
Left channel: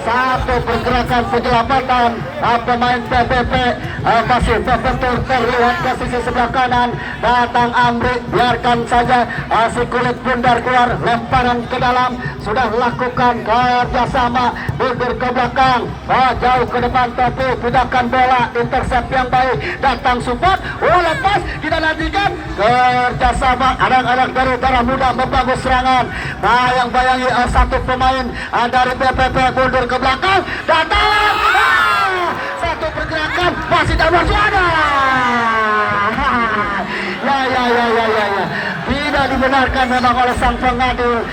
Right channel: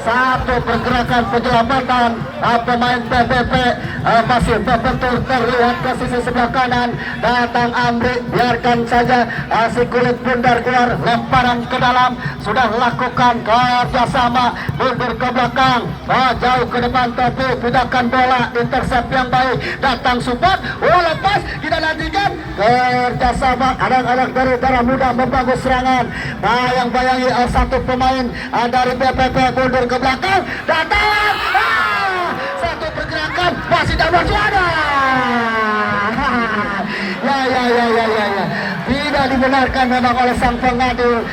satu pergerakan penyelamatan pemain PBP masih betul terlihat ke sisi sebelah kanan, datang Amri, biarkan saja si kulit bundar keluar, lemparan ke dalam, sudah lakukan kerjasama, mundur ke belakang, jauh ke depan, tapi pindahkan bola, intercept yang baik, datang support, lepas, kita nantikan kerjasama anak-anak dari Darah Muda membangun serangan. Bayang-bayangi satu pemain dari PPP mundur ke belakang, datang satu pergerakan, masih dalam suara. Ya, tidak dibenarkan memang oleh sang pengadil.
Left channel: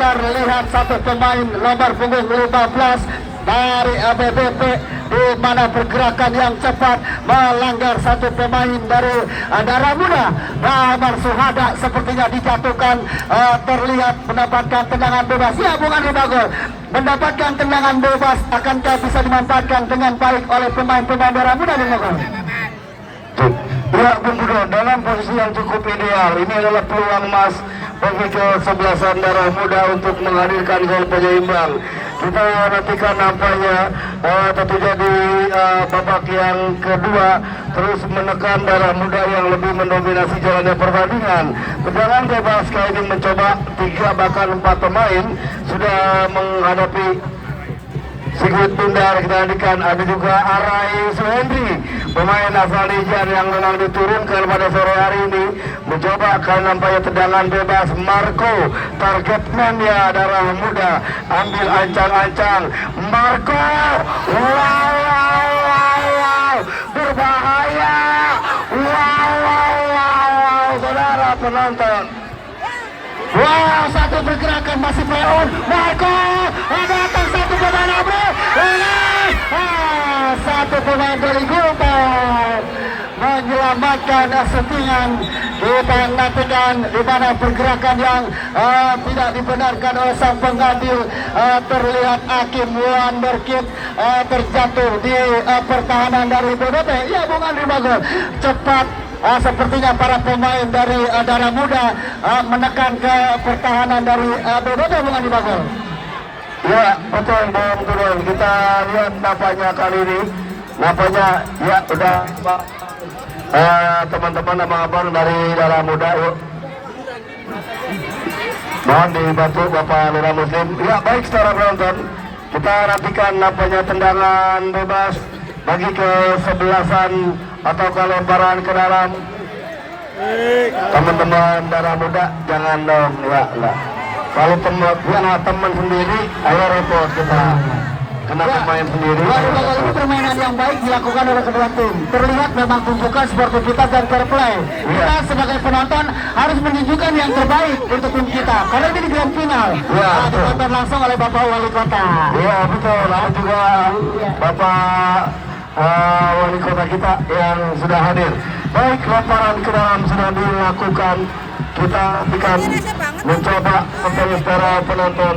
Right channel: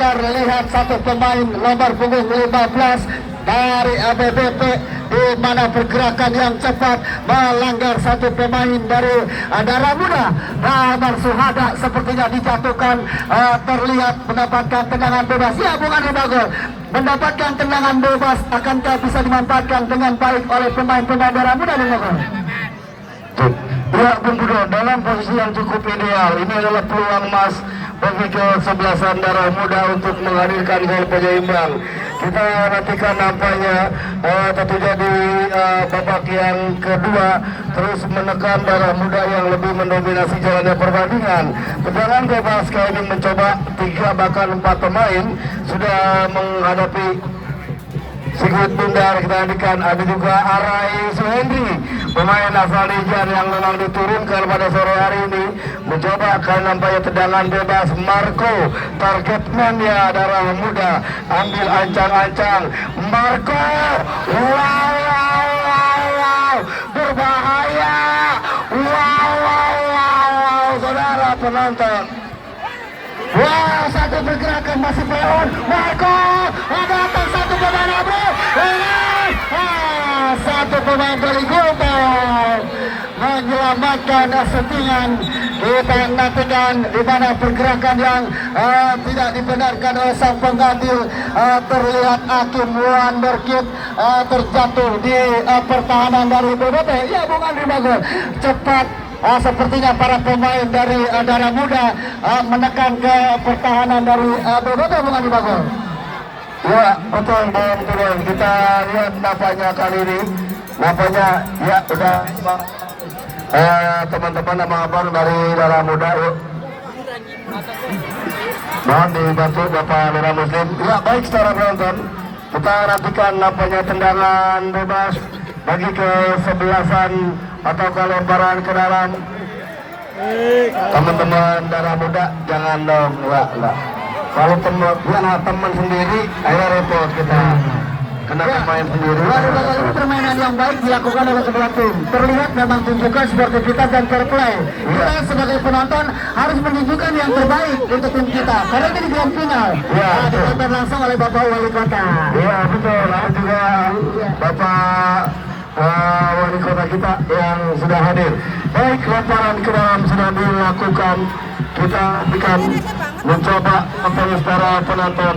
terlihat satu pemain nomor punggung 15 dari ABBP di mana pergerakan yang cepat melanggar satu pemain dari Darah Muda. Damar Suhada sepertinya dijatuhkan, terlihat mendapatkan tendangan bebas. Ya, Bung Andi Bagol mendapatkan tendangan bebas, akankah bisa dimanfaatkan dengan baik oleh pemain-pemain Darah Muda, Bung Bagol? Ya, Bung Budo, dalam posisi yang cukup ideal. Ini adalah peluang emas bagi kesebelasan Darah Muda untuk menghadirkan gol penyeimbang. Kita nantikan nampaknya tentunya di babak yang kedua terus menekan Darah Muda yang lebih mendominasi jalannya pertandingan. Tendangan bebas kali ini mencoba 3 bahkan 4 pemain sudah menghadapi Sigit Tundar. Kita hadirkan ada juga Arai Suhendri, pemain asal Nijar yang memang diturunkan pada sore hari ini, mencoba kali nampaknya tendangan bebas. Marco, targetman ya Darah Muda, ambil ancang-ancang Marco, wow, berbahaya, wow, saudara penonton. Wow, satu pergerakan masih Freon. Marco, datang satu pemain bro. Satu pemain dari Filter menyelamatkan settingan. Kita nantikan di mana pergerakan yang tidak dibenarkan oleh sang pengganti. Terlihat Hakim Wonderkid terjatuh di pertahanan dari BBP. Ya, Bung Andi Bagol, cepat. Sepertinya para pemain dari Darah Muda menekan ke pertahanan dari BBP, Bung Andi Bagol. Ya, betul Bang Turun. Kita lihat nampaknya kali ini, nampaknya ya udah teman-teman abang-abang dari Darah Muda, yuk mohon dibantu Bapak Lurah Muslim. Ya, baik saudara penonton, kita nantikan nampaknya tendangan bebas bagi kesebelasan atau kelemparan ke dalam. Teman-teman Darah Muda jangan dong, ya lah. Kalau teman sendiri, ayo repot kita. Kena pemain sendiri. Ini permainan yang baik dilakukan oleh kedua tim. Terlihat memang tumpukan sportivitas dan fair play. Kita sebagai penonton harus menunjukkan yang terbaik untuk tim kita. Karena ini di grand final. Ditonton langsung oleh Bapak Wali Kota. Iya betul. Ada juga Bapak Wali Kota kita yang sudah hadir. Baik, lemparan ke dalam sudah dilakukan. Kita akan mencoba untuk para penonton.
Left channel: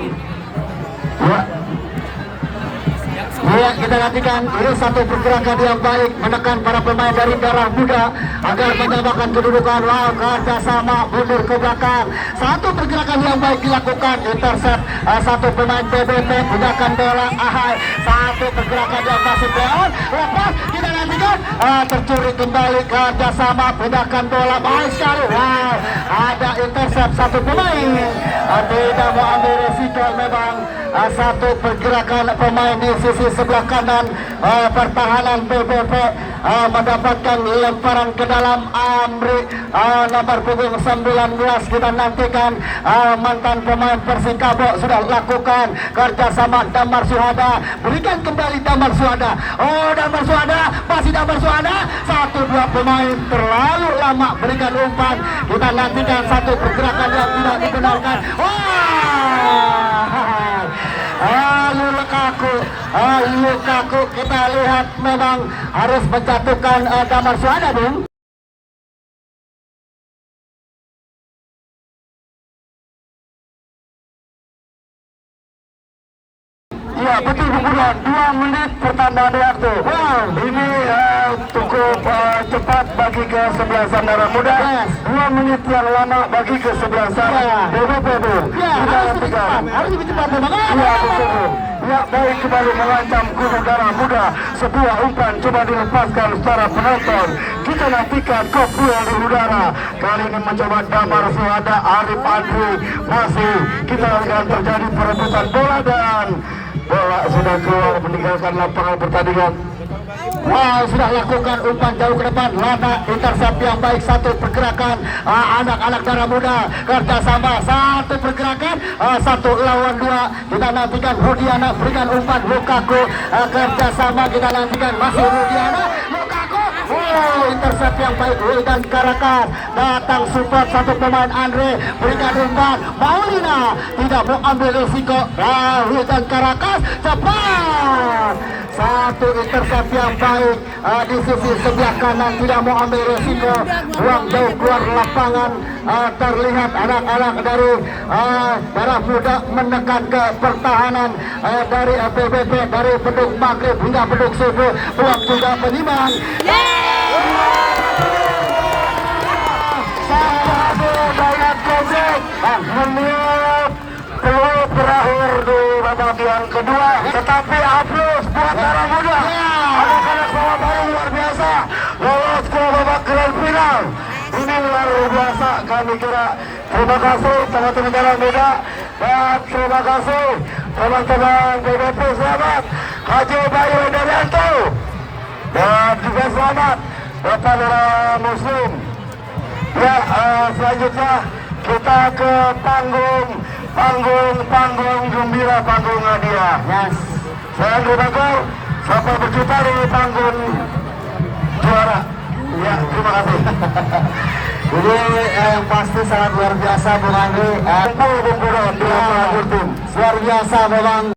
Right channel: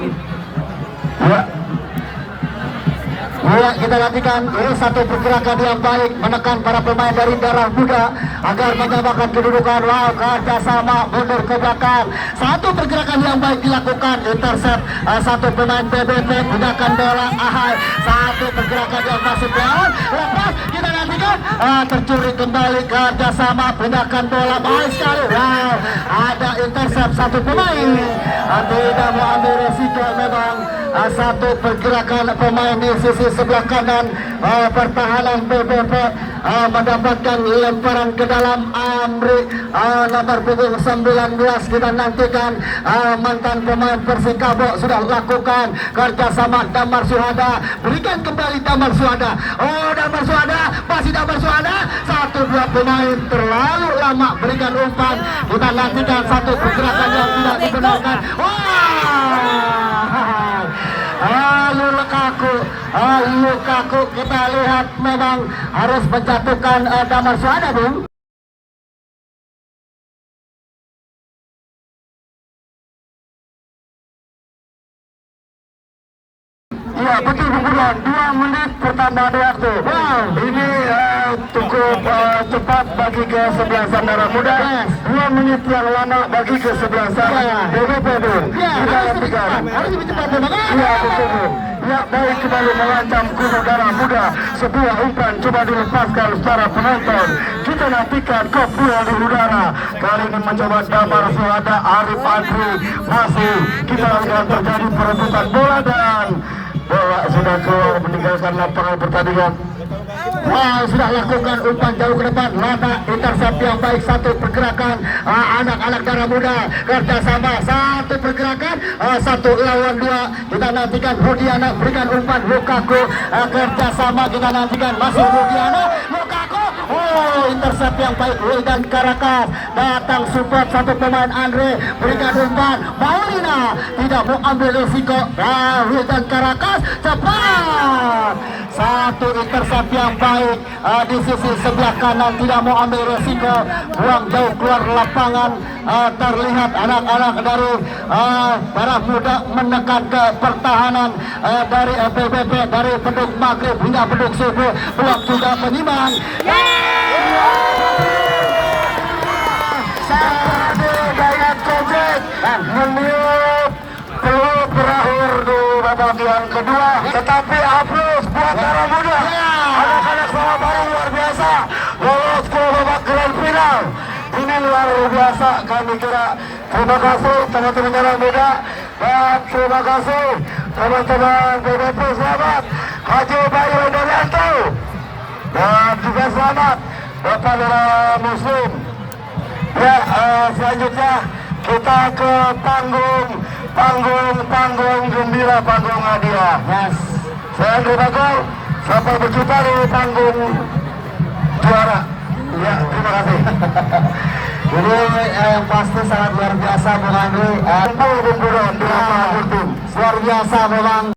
Ya, kita nantikan ini satu pergerakan yang baik menekan para pemain dari Darah Muda agar menyamakan kedudukan. Wow, kerjasama mundur ke belakang. Satu pergerakan yang baik dilakukan, intercept satu pemain BBP, gunakan bola Ahai. Satu pergerakan yang masuk down. Lepas kita nantikan tercuri kembali, kerjasama gunakan bola baik sekali. Wow, ada intercept satu pemain. Tidak mau ambil resiko memang. Satu pergerakan pemain di sisi sebelah kanan pertahanan BBP mendapatkan lemparan ke dalam. Amri nomor punggung 19. Kita nantikan mantan pemain Persikabo sudah lakukan kerjasama. Damar Suhada, berikan kembali Damar Suhada. Oh, Damar Suhada, masih Damar Suhada. Satu dua pemain terlalu lama berikan umpan. Kita nantikan satu pergerakan yang tidak dibenarkan. Lukaku kita lihat memang harus menjatuhkan Damar Suhada, Bung. Iya betul bukan 2 menit pertambahan waktu. Wow, ini cukup cepat bagi kesebelasan Darah Muda. 2 menit yang lama bagi kesebelasan BBP. Ya, harus lebih cepat memang. Iya betul. Ya, baik, kembali mengancam kubu Darah Muda. Sebuah umpan coba dilepaskan secara penonton. Kita nantikan kopil di udara. Kali ini mencoba Damar Suhada, Arif Adri masih. Kita lihat terjadi perebutan bola dan bola sudah keluar meninggalkan lapangan pertandingan. Wow, sudah lakukan umpan jauh ke depan. Lama intercept yang baik, satu pergerakan anak-anak Darah Muda kerjasama. Satu pergerakan, 1 lawan 2. Kita nantikan Rudiana berikan umpan. Lukaku kerjasama. Kita nantikan masih Rudiana. Lukaku, intercept intercept yang baik dan Caracas datang support satu pemain Andre berikan umpan Maulina tidak mau ambil risiko dan Caracas cepat satu intercept yang baik di sisi sebelah kanan tidak mau ambil risiko buang jauh keluar lapangan terlihat anak-anak dari para muda menekan ke pertahanan dari PBB dari Beduk Maghrib hingga Beduk Subuh peluang juga menyimbang Dayat Kojek menit peluang berakhir di babak yang kedua Tetapi aplaus buat para muda anak-anak Surabaya luar biasa lolos ke babak grand final ini luar biasa kami kira terima kasih teman-teman muda dan terima kasih teman-teman BBP selamat Haji Bayu Daryanto dan juga selamat Bapak Dara Muslim ya selanjutnya kita ke panggung gembira, panggung hadiah. yes Saya Andri Bagor, sampai berjumpa di panggung juara. ya terima kasih jadi yang pasti sangat luar biasa Bung Andri luar biasa memang